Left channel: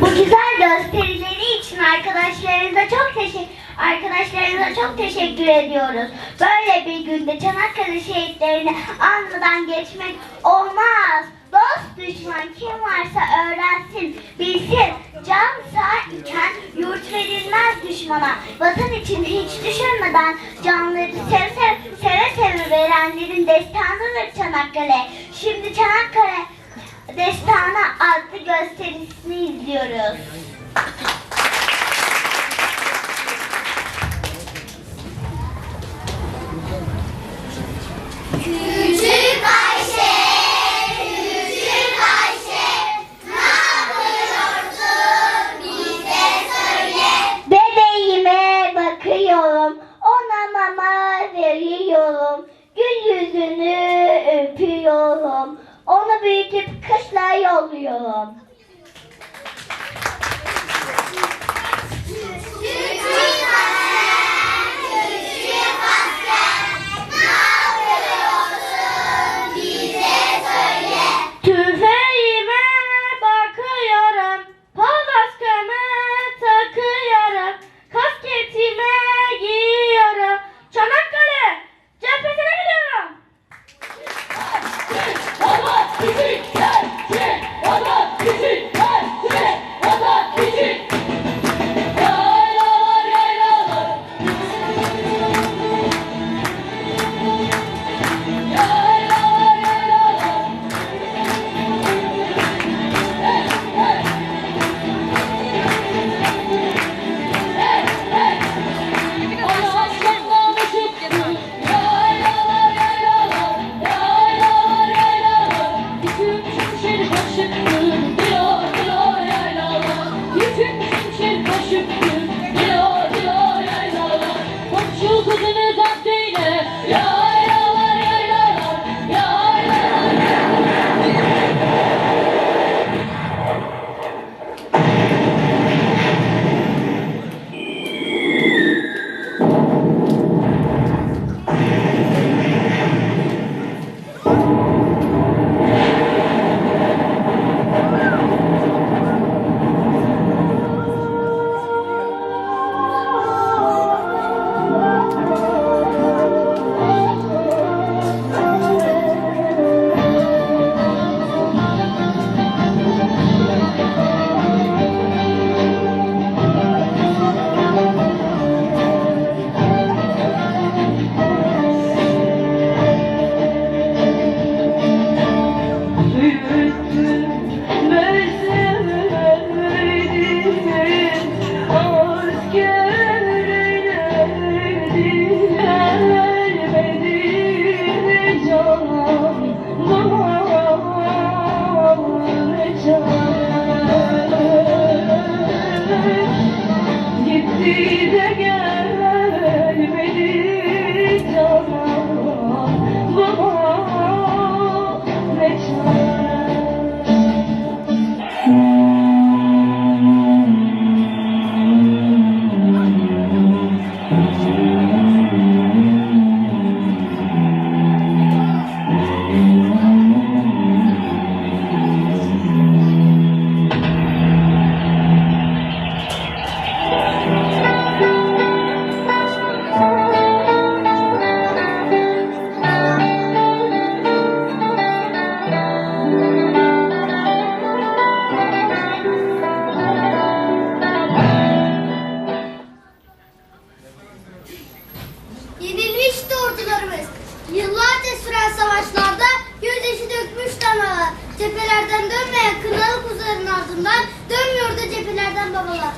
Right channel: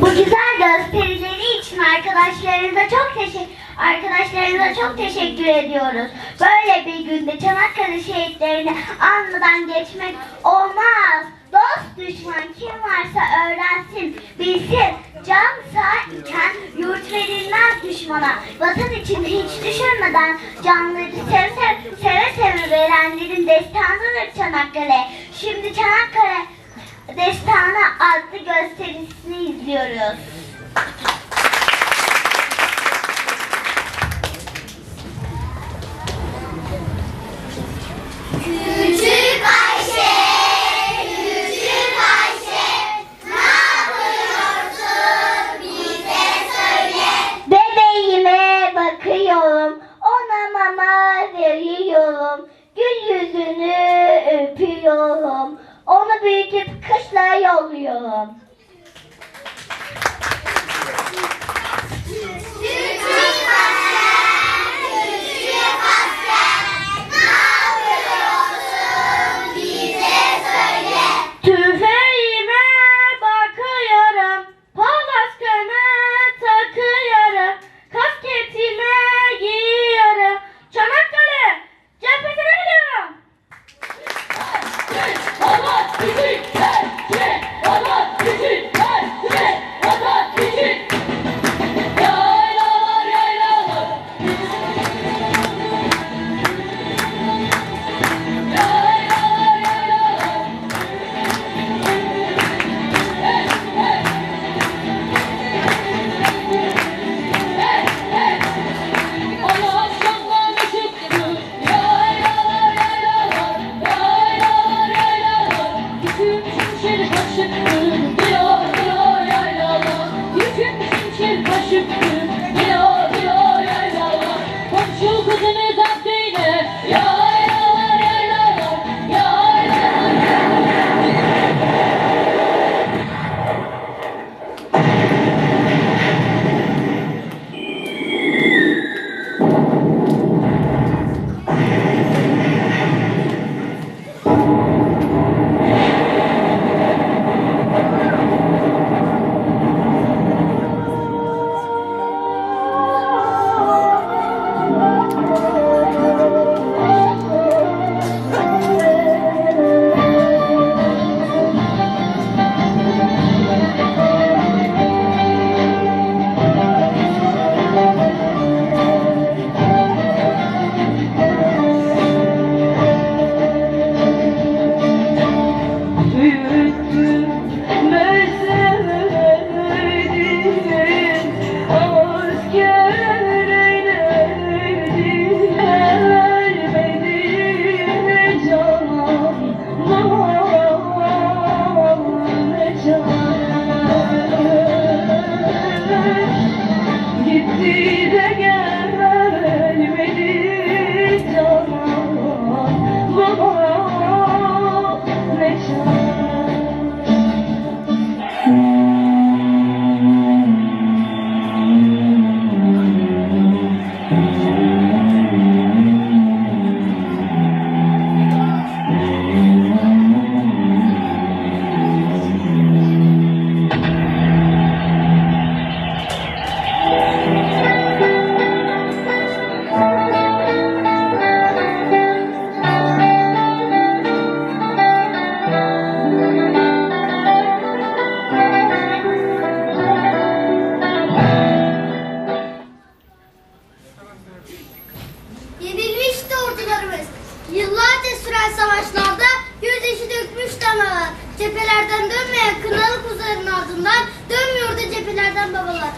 Bu güzel gösterileri için arkadaşlarınıza çok teşekkür arkadaşlarınıza çok teşekkür ediyoruz. Böyle bir günde Çanakkale şehitlerini anmadan geçmek olmaz. Dost düşman kim varsa öğrensin, bilsin. Can sağ yurt verilmez düşmana. Vatan için hiç düşünmeden canları sev, sev, seve seve verenlerin destanıdır Çanakkale. Şimdi Çanakkale Destana adlı gösterisini izliyoruz. cephelerden babalar.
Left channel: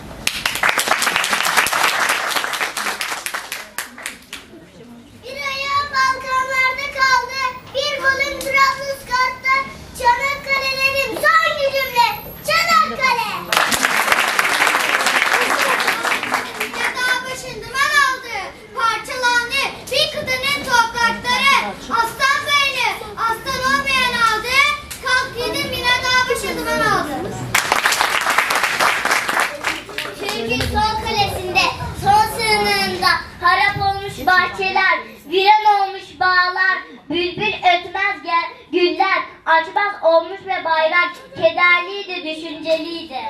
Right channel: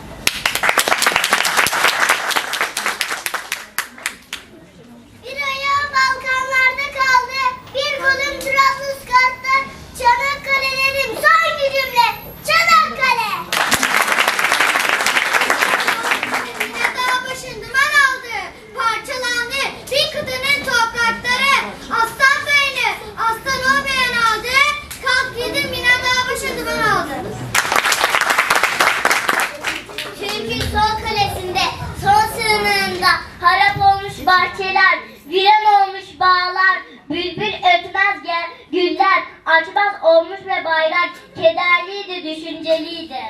kadar kederliydi, düşünceliydi.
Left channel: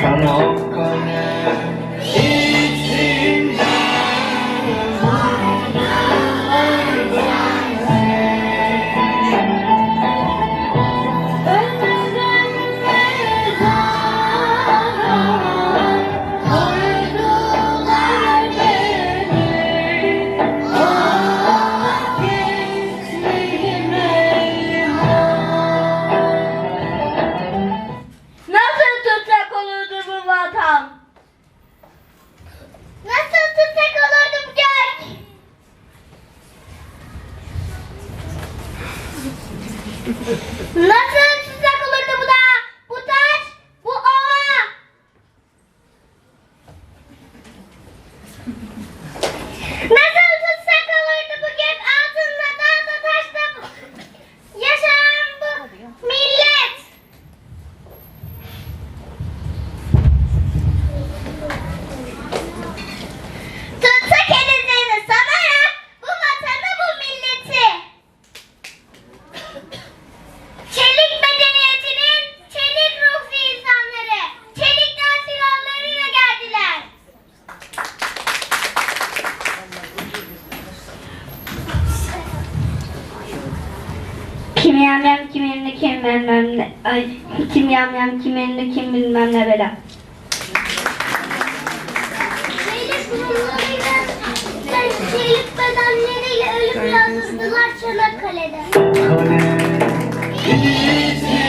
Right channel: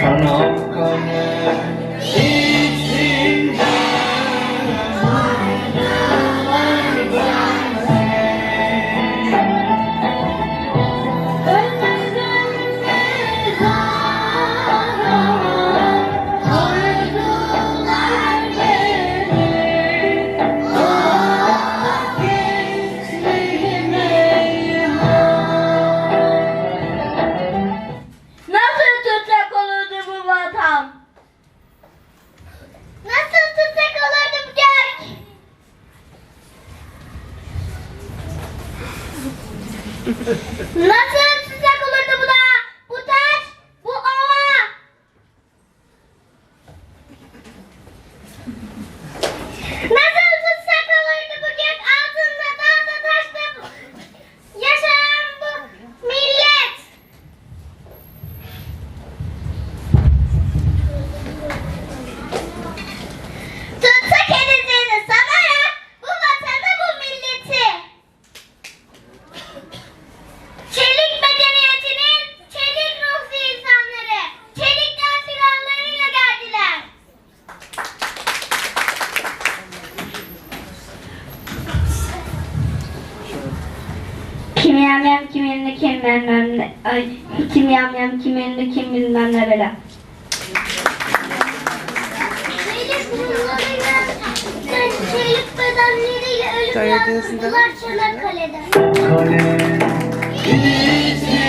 Çanakkale ¡Mata! Kim bilmem ne, ay, kim yam yam, kim ünlü, kim bilmem ne bela. Şehit bedenleriyle ölüm yazdılar Çanakkale'de. Bir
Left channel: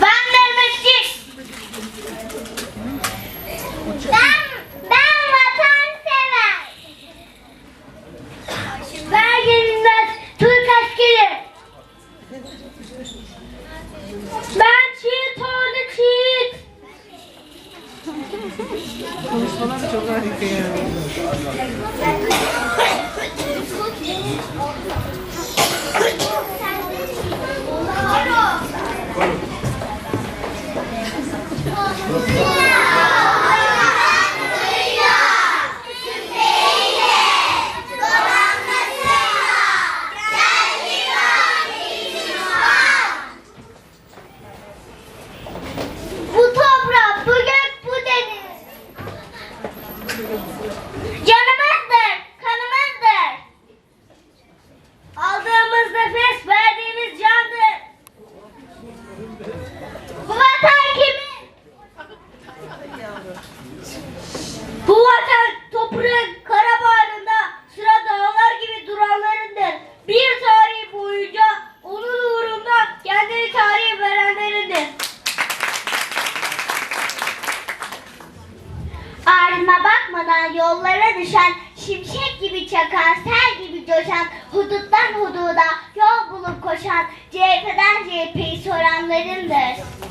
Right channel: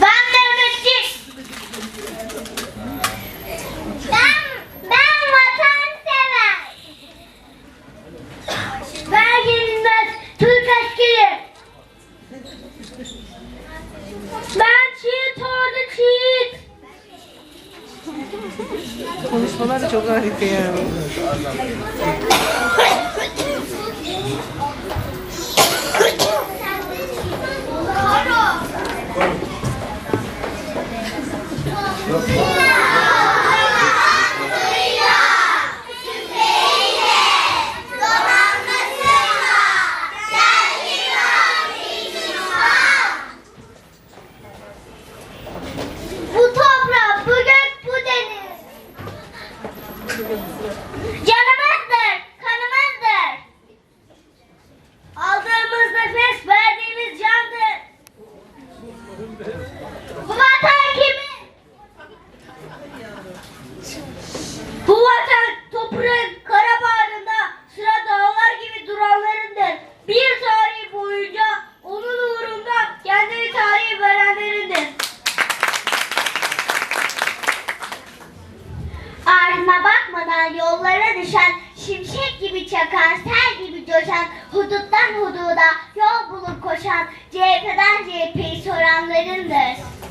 Ben Mehmetçik. Ben, ben vatansever. Ben yenilmez Türk askeri. Ben çiğit ordu çiğit. Konuşmalar çok harika Pronto. Gibi çakan, sel gibi coşan, huduttan hududa yol bulup koşan, CHP'den CHP'yi soranlarındır.